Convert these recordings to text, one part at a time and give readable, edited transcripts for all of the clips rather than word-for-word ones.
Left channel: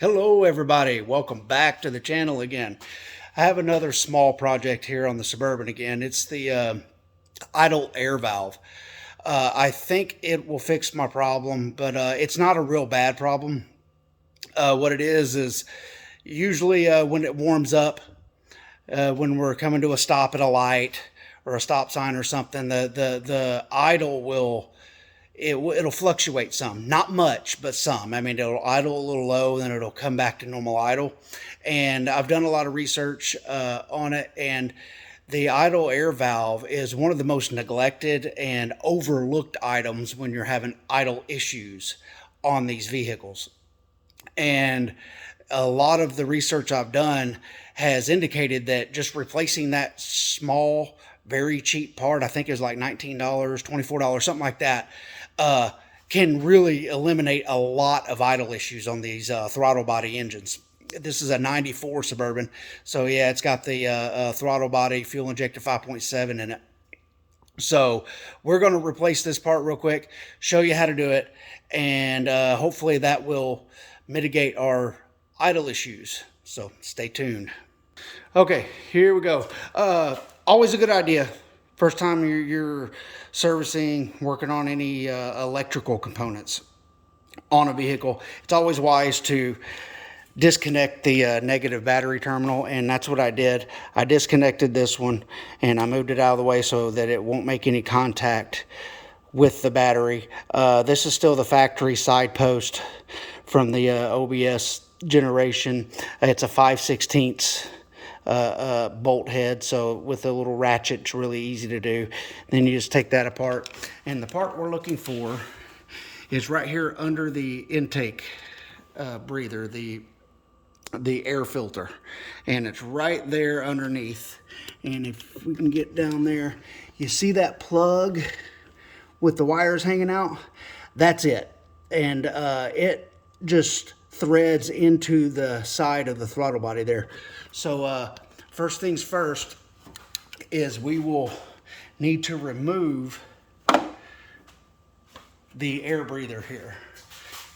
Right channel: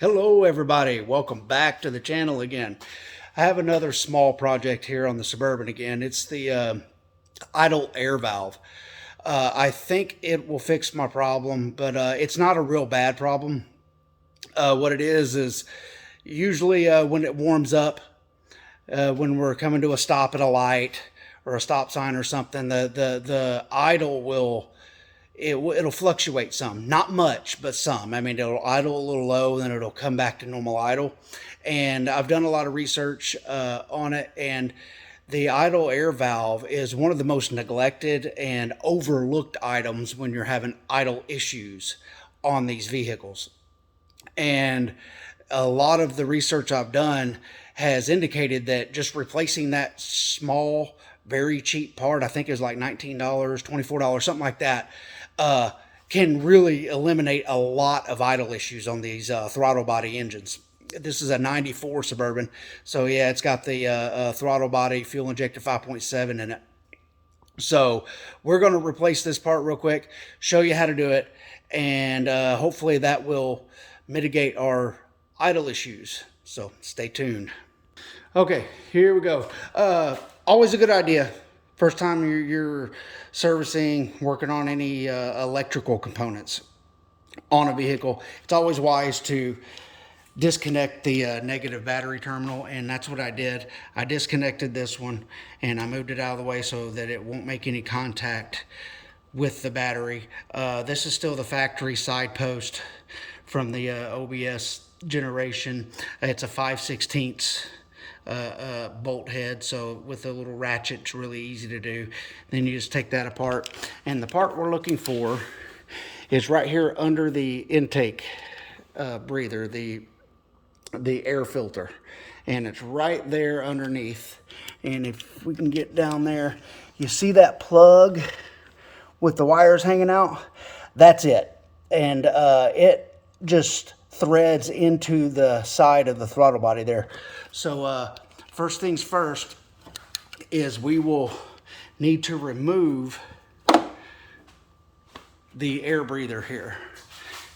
Hello everybody, welcome back to the channel again. I have another small project here on the Suburban again. It's the idle air valve. I think it will fix my problem, but it's not a real bad problem. What it is usually when it warms up, when we're coming to a stop at a light or a stop sign or something, the idle will it'll fluctuate some, not much, but some. I mean, it'll idle a little low, then it'll come back to normal idle. And I've done a lot of research on it, and the idle air valve is one of the most neglected and overlooked items when you're having idle issues on these vehicles. And a lot of the research I've done has indicated that just replacing that small, very cheap part, I think it was like $19, $24, something like that, can really eliminate a lot of idle issues on these throttle body engines. This is a 94 Suburban, so yeah, it's got the throttle body fuel injected 5.7 in it. So we're going to replace this part real quick, show you how to do it, and hopefully that will mitigate our idle issues. So stay tuned. Okay, here we go. Always a good idea. First time you're servicing, working on any electrical components on a vehicle, it's always wise to disconnect the negative battery terminal, and that's what I did. I disconnected this one and I moved it out of the way so that it won't make any contact with the battery. This is still the factory side post from the OBS generation. It's a 5/16 bolt head, so with a little ratchet it's really easy to do. Then you just take that apart, and the part we're looking for is right here under the intake breather, the air filter, and it's right there underneath. And if we can get down there, you see that plug with the wires hanging out? That's it. And it just threads into the side of the throttle body there. So first things first is we will need to remove the air breather here.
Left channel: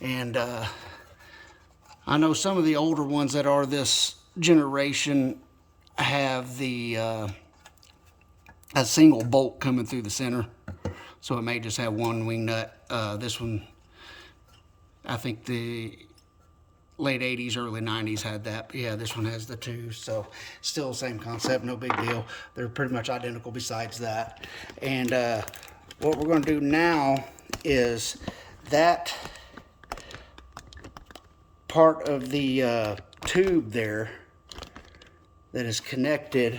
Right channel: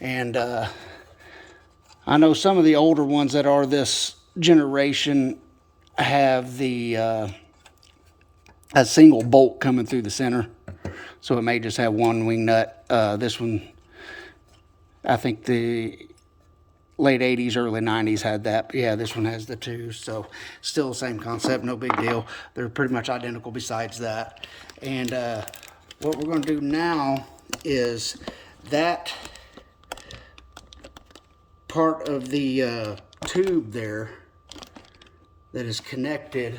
And I know some of the older ones that are this generation have the a single bolt coming through the center, so it may just have one wing nut. This one, I think the late 80s, early 90s had that. Yeah, this one has the two, so still the same concept, no big deal. They're pretty much identical besides that. And what we're going to do now is that part of the tube there that is connected,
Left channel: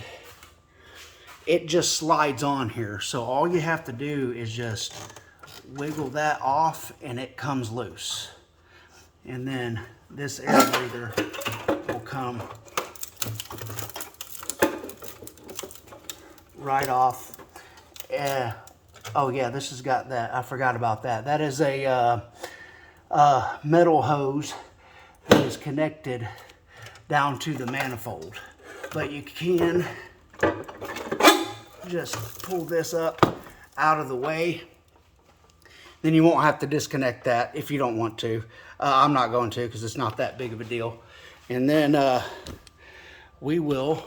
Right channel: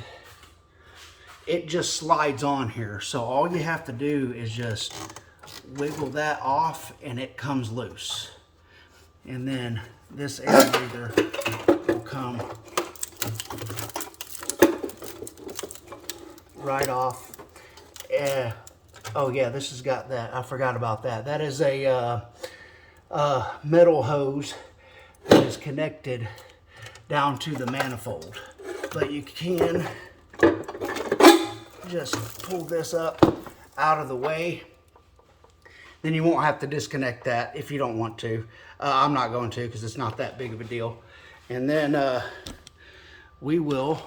it just slides on here. So all you have to do is just wiggle that off and it comes loose. And then this air breather will come right off. Oh yeah, this has got that. I forgot about that. That is a metal hose that is connected down to the manifold. But you can just pull this up out of the way. Then you won't have to disconnect that if you don't want to. I'm not going to, because it's not that big of a deal. And then we will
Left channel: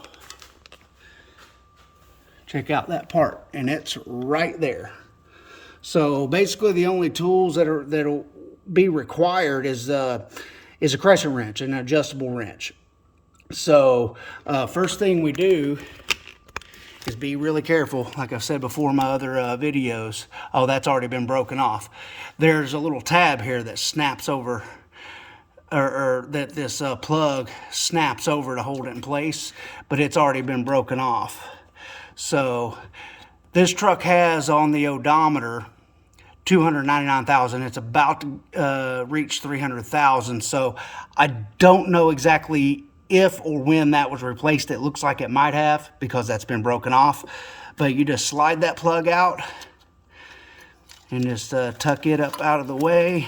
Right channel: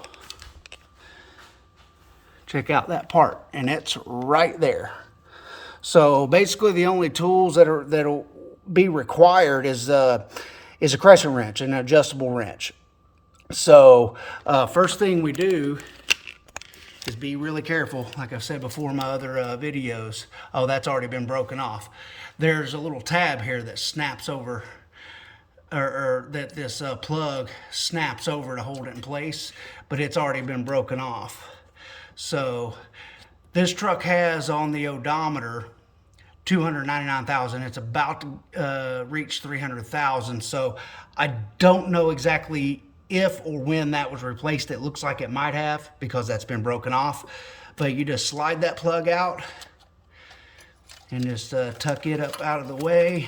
check out that part, and it's right there. So basically the only tools that'll be required is a crescent wrench, an adjustable wrench. So first thing we do is be really careful. Like I've said before in my other videos. Oh, that's already been broken off. There's a little tab here that snaps over, or that this plug snaps over to hold it in place, but it's already been broken off. So this truck has on the odometer 299,000. It's about to reach 300,000. So I don't know exactly if or when that was replaced. It looks like it might have, because that's been broken off. But you just slide that plug out and just tuck it up out of the way.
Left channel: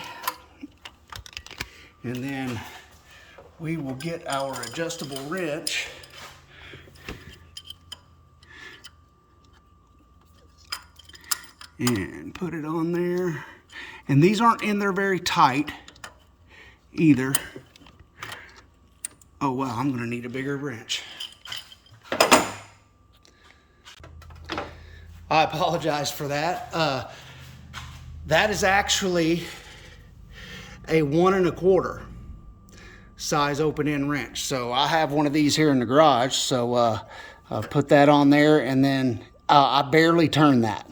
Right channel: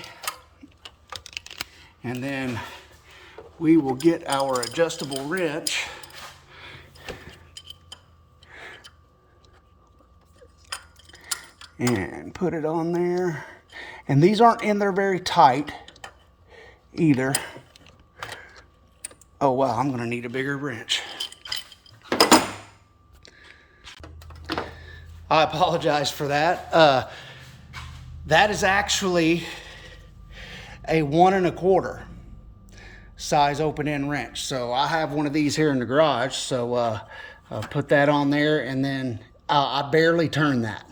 And then we will get our adjustable wrench and put it on there. And these aren't in there very tight either. Oh wow, I'm gonna need a bigger wrench. I apologize for that. That is actually a 1 1/4 size open end wrench. So I have one of these here in the garage. So I'll put that on there, and then I barely turned that.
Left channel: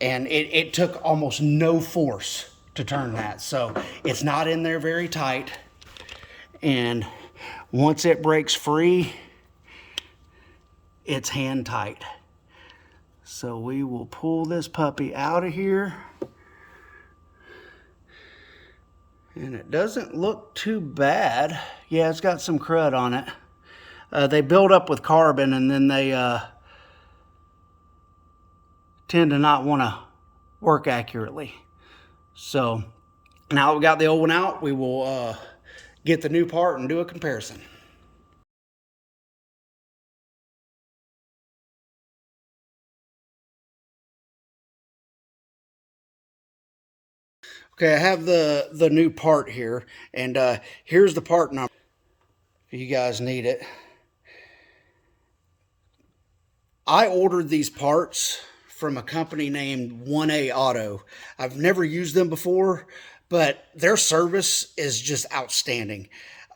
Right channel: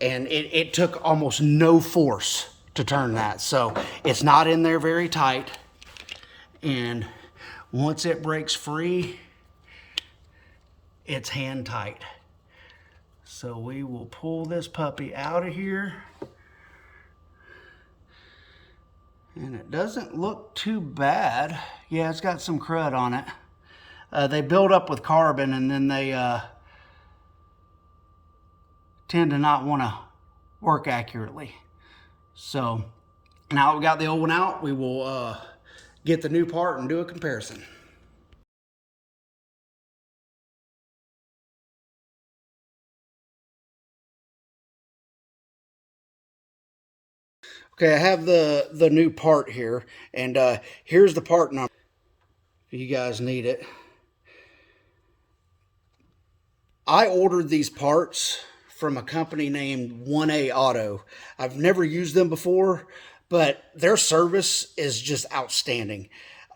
And it took almost no force to turn that. So it's not in there very tight. And once it breaks free, it's hand tight. So we will pull this puppy out of here. And it doesn't look too bad. Yeah, it's got some crud on it. They build up with carbon, and then they tend to not want to work accurately. So now that we got the old one out, we will get the new part and do a comparison. Okay, I have the new part here, and here's the part number if you guys need it. I ordered these parts from a company named 1A Auto. I've never used them before, but their service is just outstanding.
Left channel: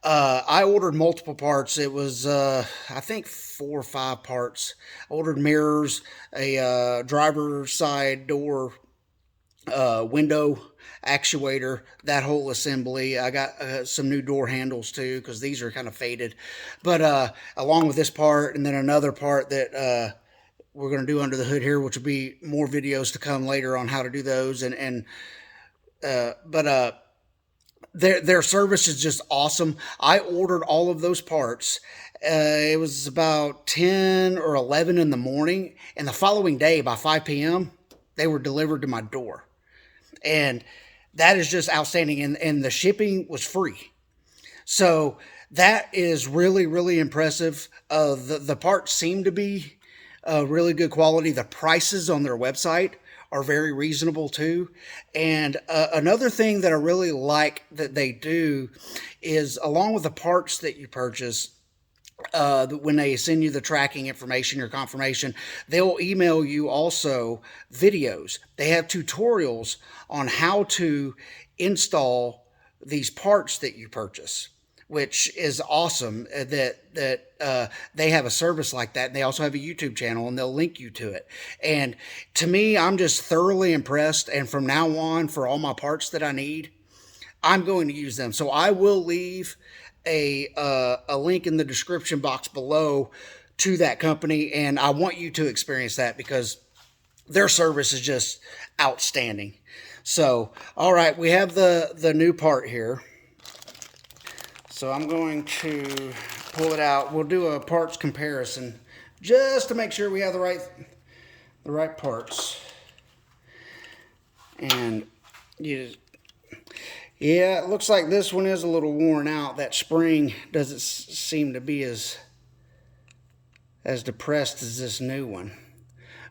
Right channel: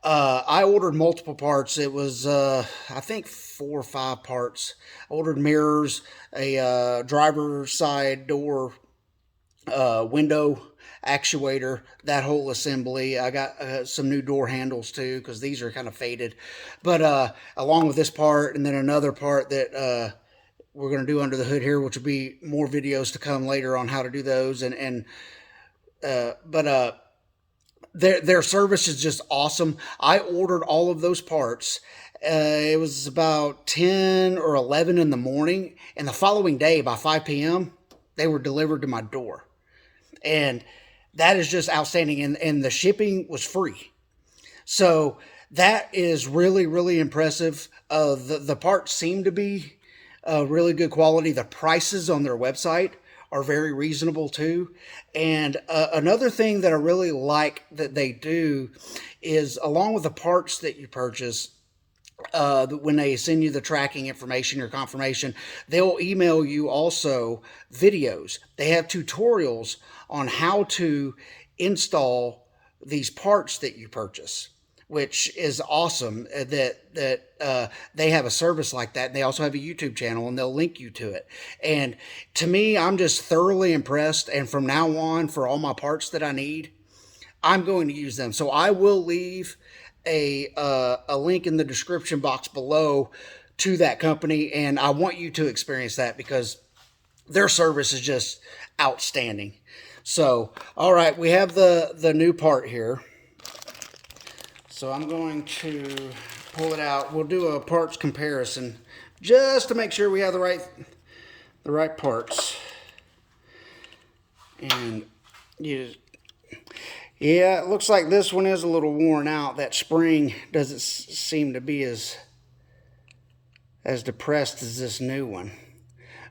I ordered multiple parts. It was, I think, 4 or 5 parts. I ordered mirrors, a driver side door window actuator, that whole assembly. I got some new door handles too, because these are kind of faded. But along with this part, and then another part that we're going to do under the hood here, which will be more videos to come later on how to do those. But their service is just awesome. I ordered all of those parts. It was about 10 or 11 in the morning, and the following day by 5 p.m. they were delivered to my door. And that is just outstanding. And the shipping was free. So that is really, really impressive. The parts seem to be really good quality. The prices on their website are very reasonable too. And another thing that I really like that they do is, along with the parts that you purchase, when they send you the tracking information or confirmation, they'll email you also videos. They have tutorials on how to install these parts that you purchase, which is awesome that they have a service like that. And they also have a YouTube channel, and they'll link you to it. And to me, I'm just thoroughly impressed. And from now on, for all my parts that I need, I'm going to use them. So I will leave a link in the description box below to that company, and I want you to experience that because their service is just outstanding. So, all right, we have the new part here. So I'm going to pull it out. We'll do a parts comparison just to make sure we have the right parts. And yeah, it looks like this one is a little worn out. That spring doesn't seem to be as depressed as this new one.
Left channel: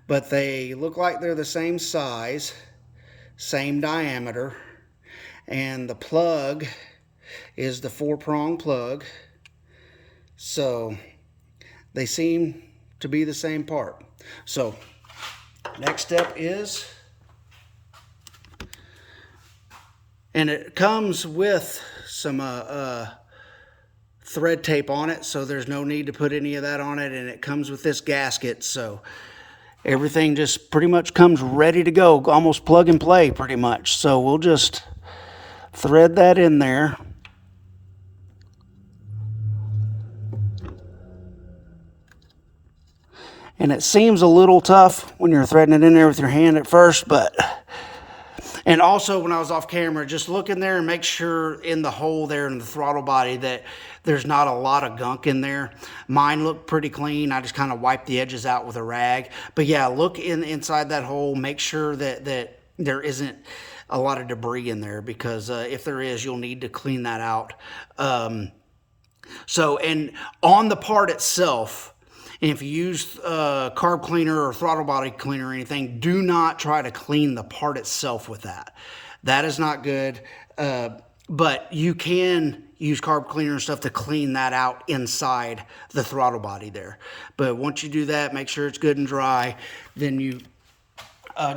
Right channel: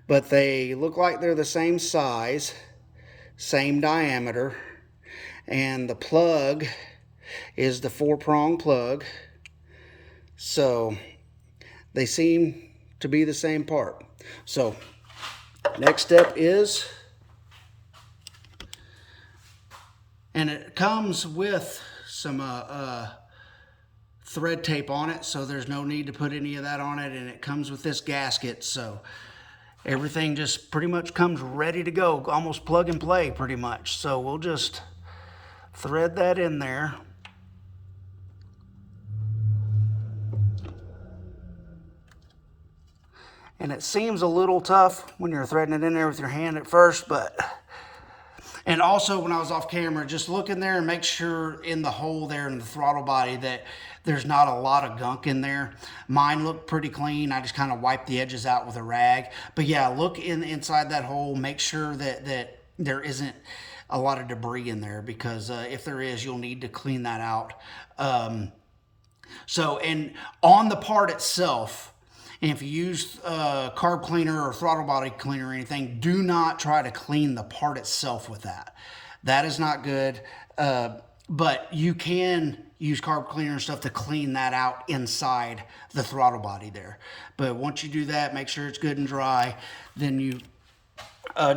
But they look like they're the same size, same diameter, and the plug is the 4-prong plug. So they seem to be the same part. So next step is, and it comes with some thread tape on it, so there's no need to put any of that on it. And it comes with this gasket, so everything just pretty much comes ready to go, almost plug and play pretty much. So we'll just thread that in there. And it seems a little tough when you're threading it in there with your hand at first, but... And also, when I was off camera, just look in there and make sure in the hole there in the throttle body that there's not a lot of gunk in there. Mine looked pretty clean. I just kind of wiped the edges out with a rag. But yeah, look inside that hole. Make sure that there isn't a lot of debris in there, because if there is, you'll need to clean that out. And on the part itself, and if you use carb cleaner or throttle body cleaner or anything, do not try to clean the part itself with that. That is not good. but you can use carb cleaner and stuff to clean that out inside the throttle body there. But once you do that, make sure it's good and dry. Then you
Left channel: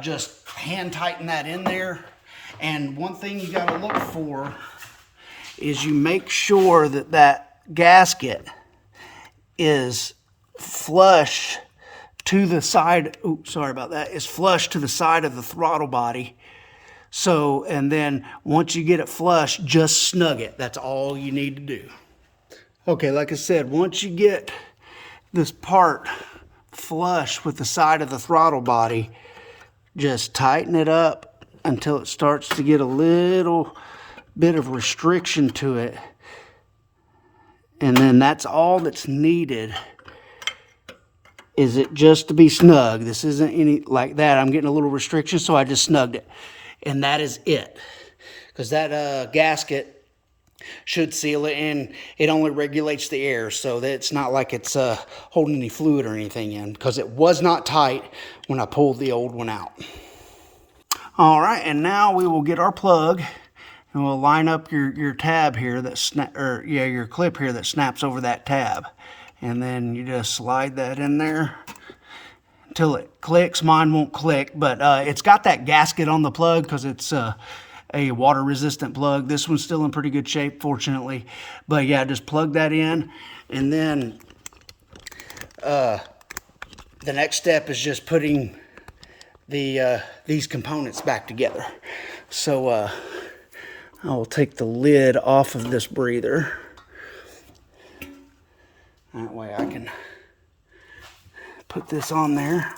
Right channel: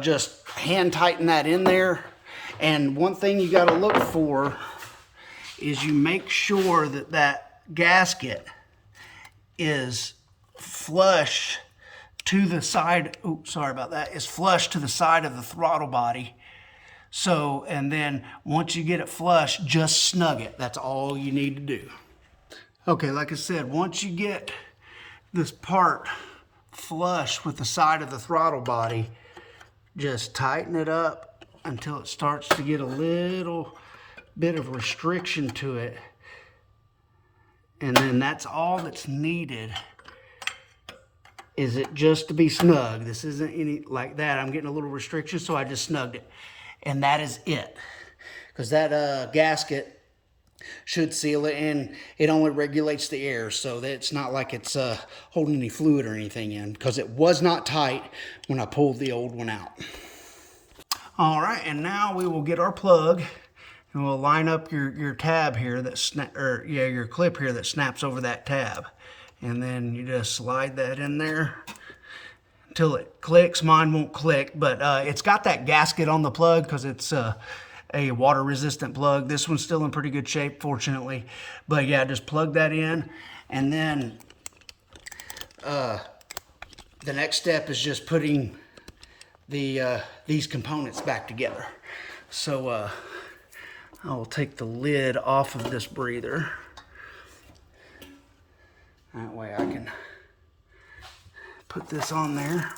just hand tighten that in there. And one thing you got to look for is you make sure that that gasket is flush to the side. Oops, sorry about that. Is flush to the side of the throttle body. So, and then once you get it flush, just snug it. That's all you need to do. Okay, like I said, once you get this part flush with the side of the throttle body, just tighten it up until it starts to get a little bit of restriction to it. And then that's all that's needed, is it just to be snug. This isn't any like that. I'm getting a little restriction, so I just snugged it. And that is it. Because that gasket should seal it, and it only regulates the air, so that it's not like it's holding any fluid or anything in, because it was not tight when I pulled the old one out. All right, and now we will get our plug, and we'll line up your tab here that your clip here that snaps over that tab, and then you just slide that in there until it clicks. Mine won't click, but it's got that gasket on the plug because it's a water resistant plug. This one's still in pretty good shape, fortunately. But yeah, just plug that in, and then the next step is just putting these components back together. So I'll take the lid off of this breather. That way I can put this on there.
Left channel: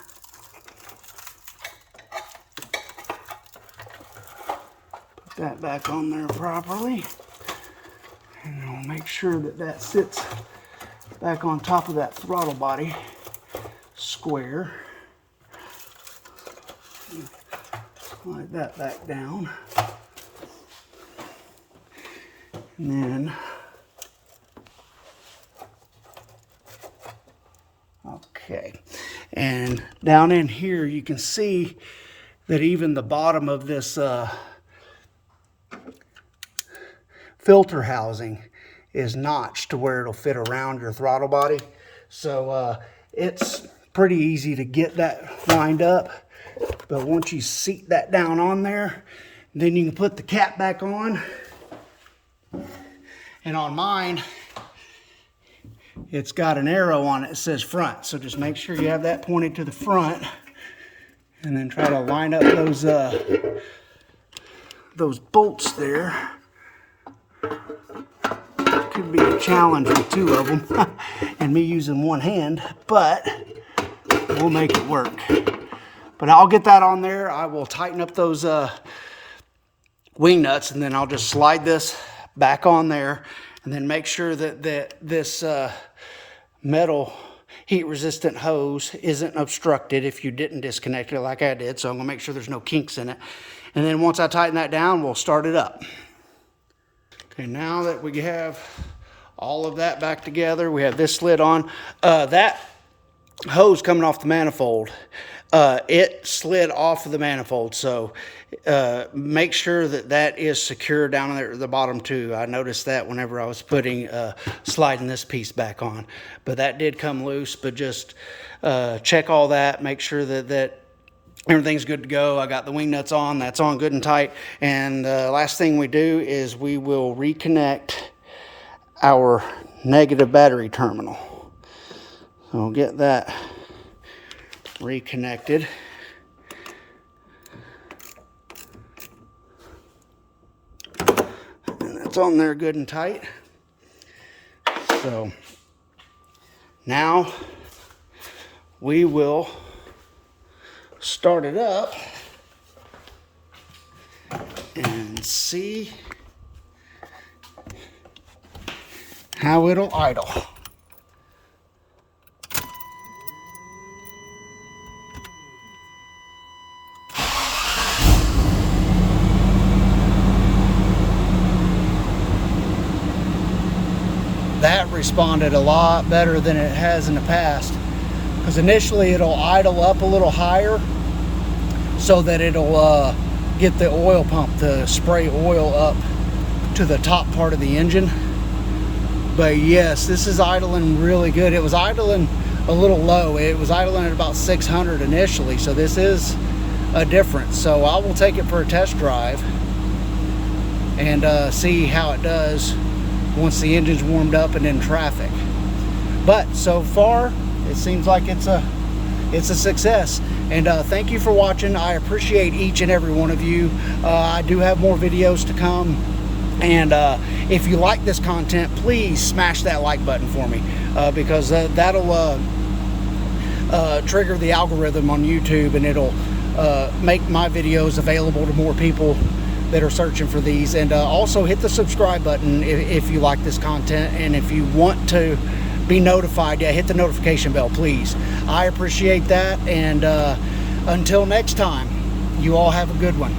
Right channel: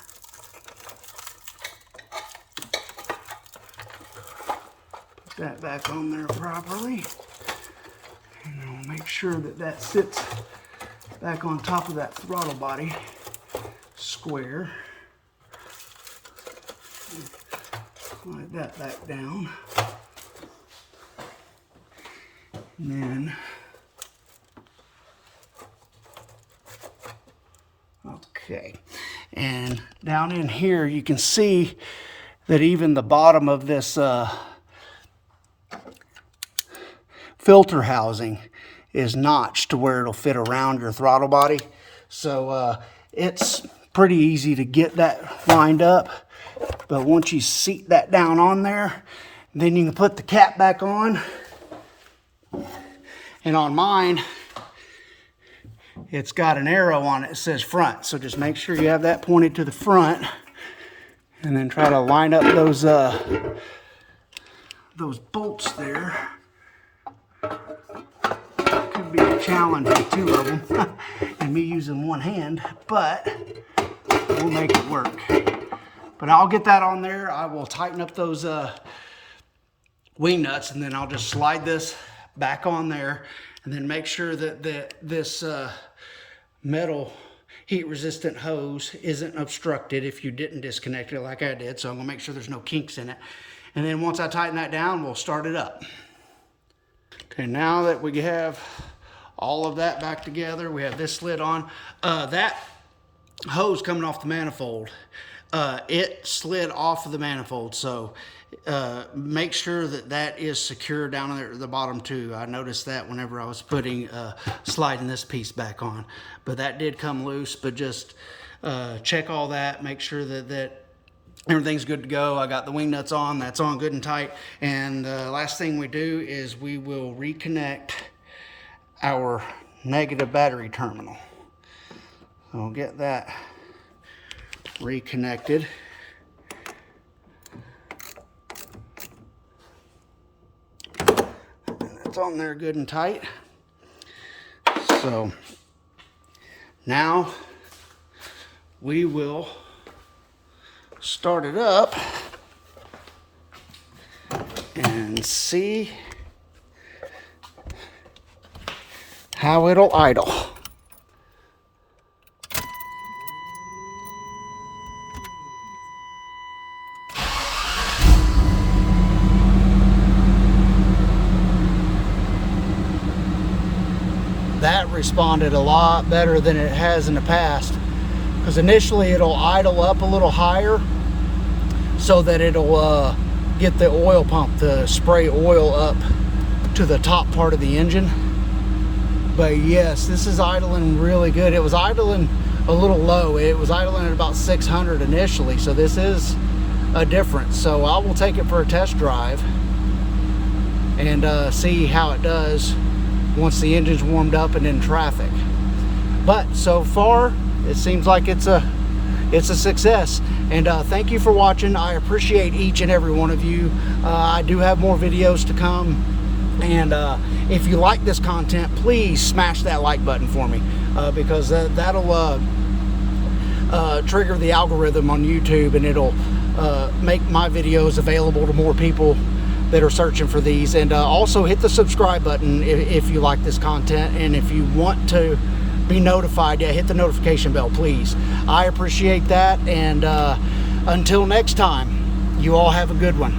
Put that back on there properly. And I'll make sure that that sits back on top of that throttle body square. Slide that back down. And then, okay, and down in here you can see that even the bottom of this filter housing is notched to where it'll fit around your throttle body. So it's pretty easy to get that lined up. But once you seat that down on there, then you can put the cap back on. And on mine, it's got an arrow on it that says front. So just make sure you have that pointed to the front, and then try to line up those bolts there. Could be a challenge with two of them and me using one hand, but we'll make it work. But I'll get that on there. I will tighten up those wing nuts, and then I'll just slide this back on there, and then make sure that this metal heat resistant hose isn't obstructed if you didn't disconnect it like I did. So I'm gonna make sure there's no kinks in it. And then once I tighten that down, we'll start it up. Okay, now that we have all of that back together, we have this slid on. That hose coming off the manifold, it slid off of the manifold, so make sure that that is secure down there at the bottom too. I noticed that whenever I was sliding this piece back on, but that did come loose. But just check all that, make sure that everything's good to go. I got the wing nuts on, that's on good and tight. And the last thing we do is we will reconnect our negative battery terminal. So we'll get that reconnected. And that's on there good and tight. So now we will start it up and see how it'll idle. That responded a lot better than it has in the past, because initially it'll idle up a little higher so that it'll get the oil pump to spray oil up to the top part of the engine. But yes, this is idling really good. It was idling a little low. It was idling at about 600 initially, so this is a difference. So I will take it for a test drive and see how it does once the engine's warmed up and in traffic. But so far, it seems like it's a success. And thank you for watching. I appreciate each and every one of you. I do have more videos to come. And if you like this content, please smash that like button for me, because that'll trigger the algorithm on YouTube, and it'll make my videos available to more people that are searching for these. And also hit the subscribe button if you like this content, and if you want to be notified, yeah, hit the notification bell, please. I appreciate that. And until next time, you all have a good one.